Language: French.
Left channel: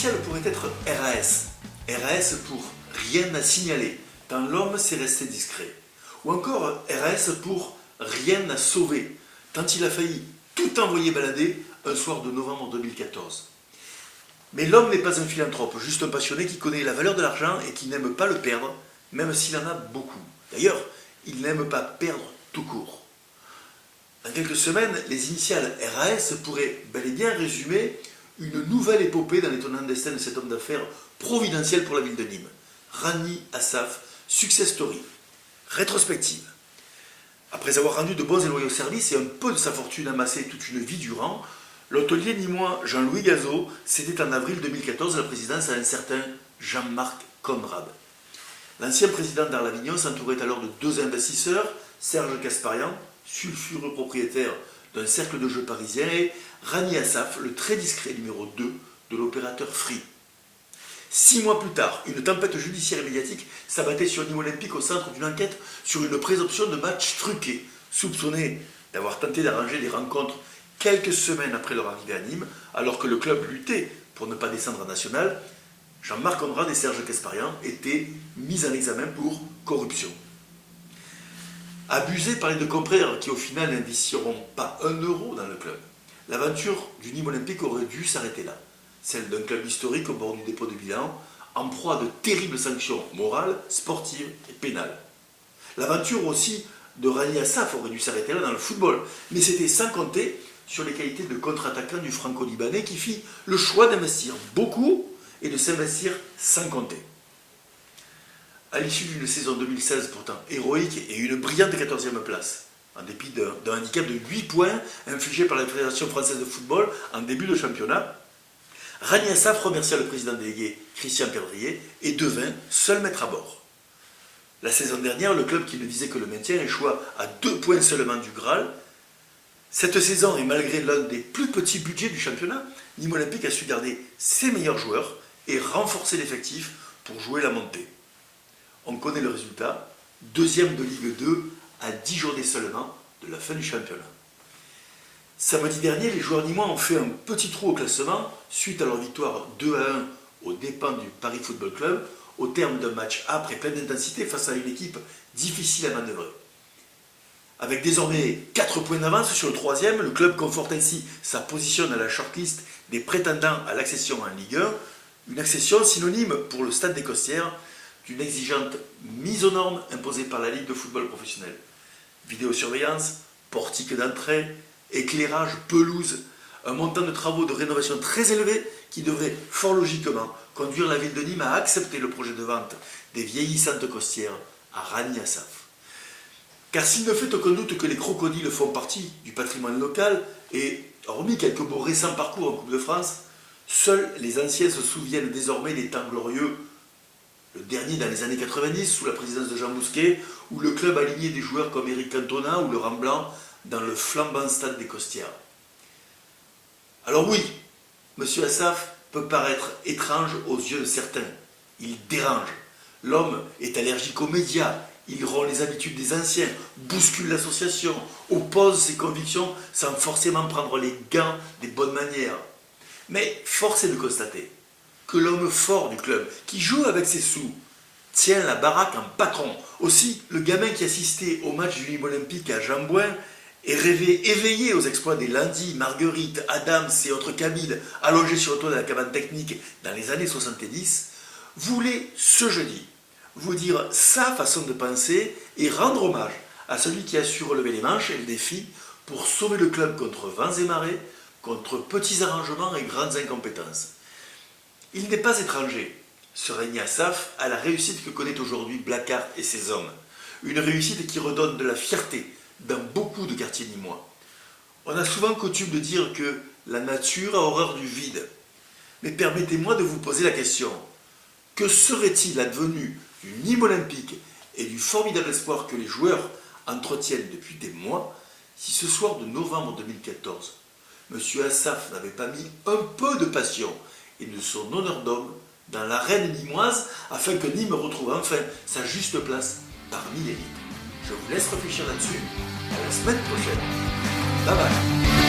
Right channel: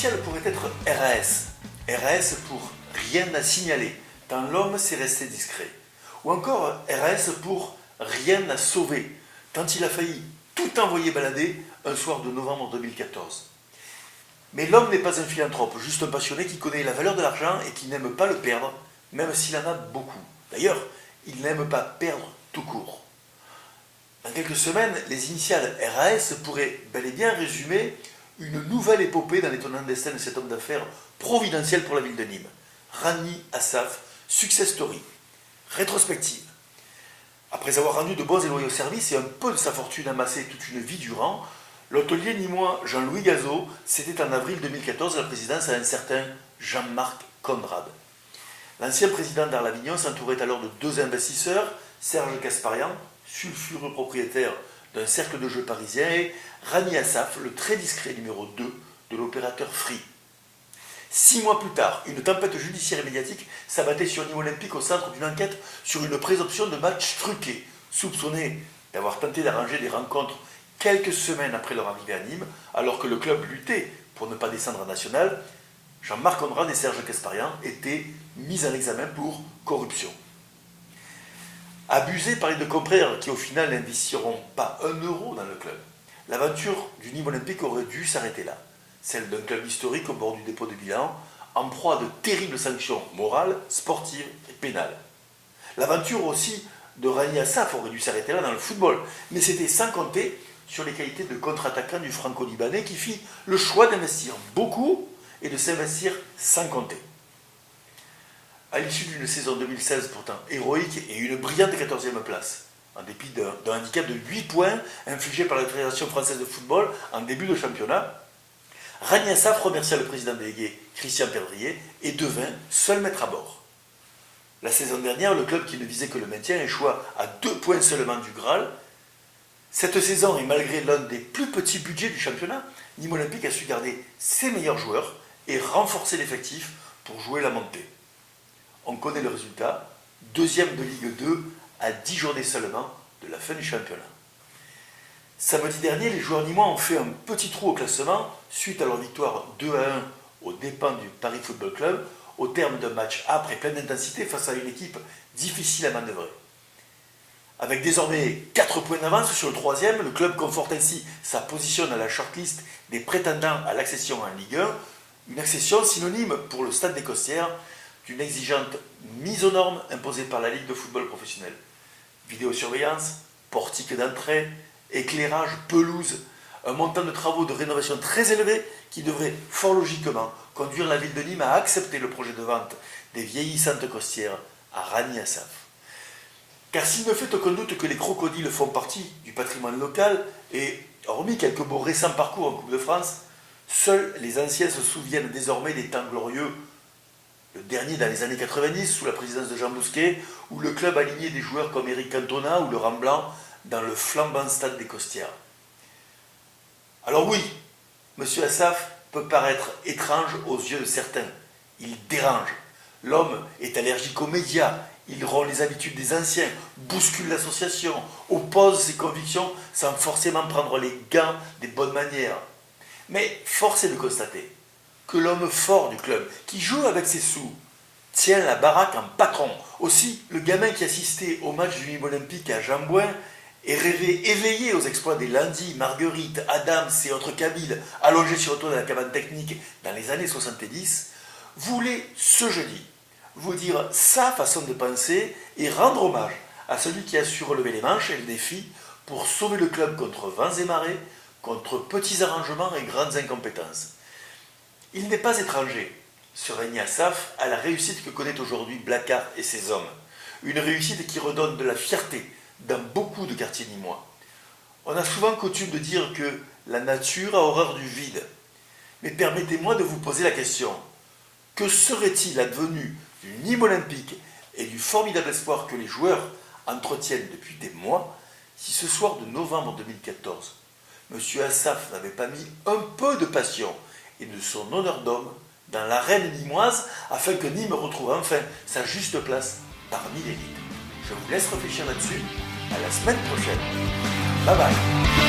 initiales pourraient être RAS. RAS pour rien à signaler, tant l'homme s'est resté discret. Ou encore RAS pour rien à sauver, tant il a failli tout envoyer balader un soir de novembre 2014. Mais l'homme n'est pas un philanthrope, juste un passionné qui connaît la valeur de l'argent et qui n'aime pas le perdre, même s'il en a beaucoup. D'ailleurs, il n'aime pas perdre tout court. Dans quelques semaines, les initiales RAS pourraient bel et bien résumer une nouvelle épopée dans l'étonnant destin de cet homme d'affaires providentiel pour la ville de Nîmes. Rani Assaf, Success Story, rétrospective. Après avoir rendu de bons et loyaux services et un peu de sa fortune amassée toute une vie durant, l'hôtelier nîmois Jean-Louis Gazot cédait en avril 2014 la présidence à un certain Jean-Marc Conrad. L'ancien président d'Arles-Avignon s'entourait alors de deux investisseurs, Serge Kasparian, sulfureux propriétaire d'un cercle de jeux parisien, et Rani Assaf, le très discret numéro 2 de l'opérateur Free. 6 mois plus tard, une tempête judiciaire et médiatique s'abattait sur Nîmes Olympique au centre d'une enquête sur une présomption de match truqué, soupçonné d'avoir tenté d'arranger des rencontres quelques semaines après leur arrivée à Nîmes, alors que le club luttait pour ne pas descendre en national. Jean-Marc Conrad et Serge Kasparian étaient mis en examen pour corruption. Abusés par les deux compères qui au final n'investiront pas un euro dans le club, l'aventure du Nîmes Olympique aurait dû s'arrêter là. Celle d'un club historique au bord du dépôt de bilan, en proie à de terribles sanctions morales, sportives et pénales. L'aventure aussi de Rani Assaf aurait dû s'arrêter là dans le football, mais c'était sans compter sur les qualités de contre-attaquant du franco-libanais qui fit le choix d'investir beaucoup et de s'investir sans compter. À l'issue d'une saison 2016 pourtant héroïque et une brillante 14e place, en dépit d'un handicap de 8 points infligé par la Fédération française de football en début de championnat, Rani Assaf remercia le président délégué Christian Perdrier et devint seul maître à bord. La saison dernière, le club qui ne visait que le maintien échoua à 2 points seulement du Graal. Cette saison, et malgré l'un des plus petits budgets du championnat, Nîmes Olympique a su garder ses meilleurs joueurs et renforcer l'effectif pour jouer la montée. On connaît le résultat, 2e de Ligue 2 à 10 journées seulement de la fin du championnat. Samedi dernier, les joueurs nîmois ont fait un petit trou au classement suite à leur victoire 2-1 aux dépens du Paris Football Club au terme d'un match âpre et plein d'intensité face à une équipe difficile à manœuvrer. Avec désormais 4 points d'avance sur le 3e, le club conforte ainsi sa position à la shortlist des prétendants à l'accession en Ligue 1, une accession synonyme pour le Stade des Costières d'une exigeante mise aux normes imposée par la Ligue de football professionnel. Vidéosurveillance, portique d'entrée, éclairage, pelouse, un montant de travaux de rénovation très élevé qui devrait fort logiquement conduire la ville de Nîmes à accepter le projet de vente des vieillissantes costières à Rani Assaf. Car s'il ne fait aucun doute que les crocodiles font partie du patrimoine local et, hormis quelques beaux récents parcours en Coupe de France, seuls les anciens se souviennent désormais des temps glorieux. Le dernier dans les années 90, sous la présidence de Jean Bousquet, où le club alignait des joueurs comme Éric Cantona ou Laurent Blanc dans le flambant stade des Costières. Alors oui, M. Assaf peut paraître étrange aux yeux de certains. Il dérange. L'homme est allergique aux médias, il rompt les habitudes des anciens, bouscule l'association, oppose ses convictions sans forcément prendre les gants des bonnes manières. Mais force est de constater que l'homme fort du club, qui joue avec ses sous, tient la baraque en patron. Aussi, le gamin qui assistait au match du Nîmes Olympique à Jambouin et rêvait éveillé aux exploits des Landy, Marguerite, Adams et autres Kabyles allongés sur le toit de la cabane technique dans les années 70, voulait ce jeudi vous dire sa façon de penser et rendre hommage à celui qui a su relever les manches et le défi pour sauver le club contre vents et marées, contre petits arrangements et grandes incompétences. Il n'est pas étranger, ce Rani Assaf, à la réussite que connaît aujourd'hui Blacard et ses hommes. Une réussite qui redonne de la fierté dans beaucoup de quartiers nîmois. On a souvent coutume de dire que la nature a horreur du vide. Mais permettez-moi de vous poser la question. Que serait-il advenu du Nîmes Olympique et du formidable espoir que les joueurs entretiennent depuis des mois si ce soir de novembre 2014, M. Assaf n'avait pas mis un peu de passion et de son honneur d'homme dans l'arène nîmoise afin que Nîmes retrouve enfin sa juste place parmi l'élite. Je vous laisse réfléchir là-dessus. À la semaine prochaine. Bye bye.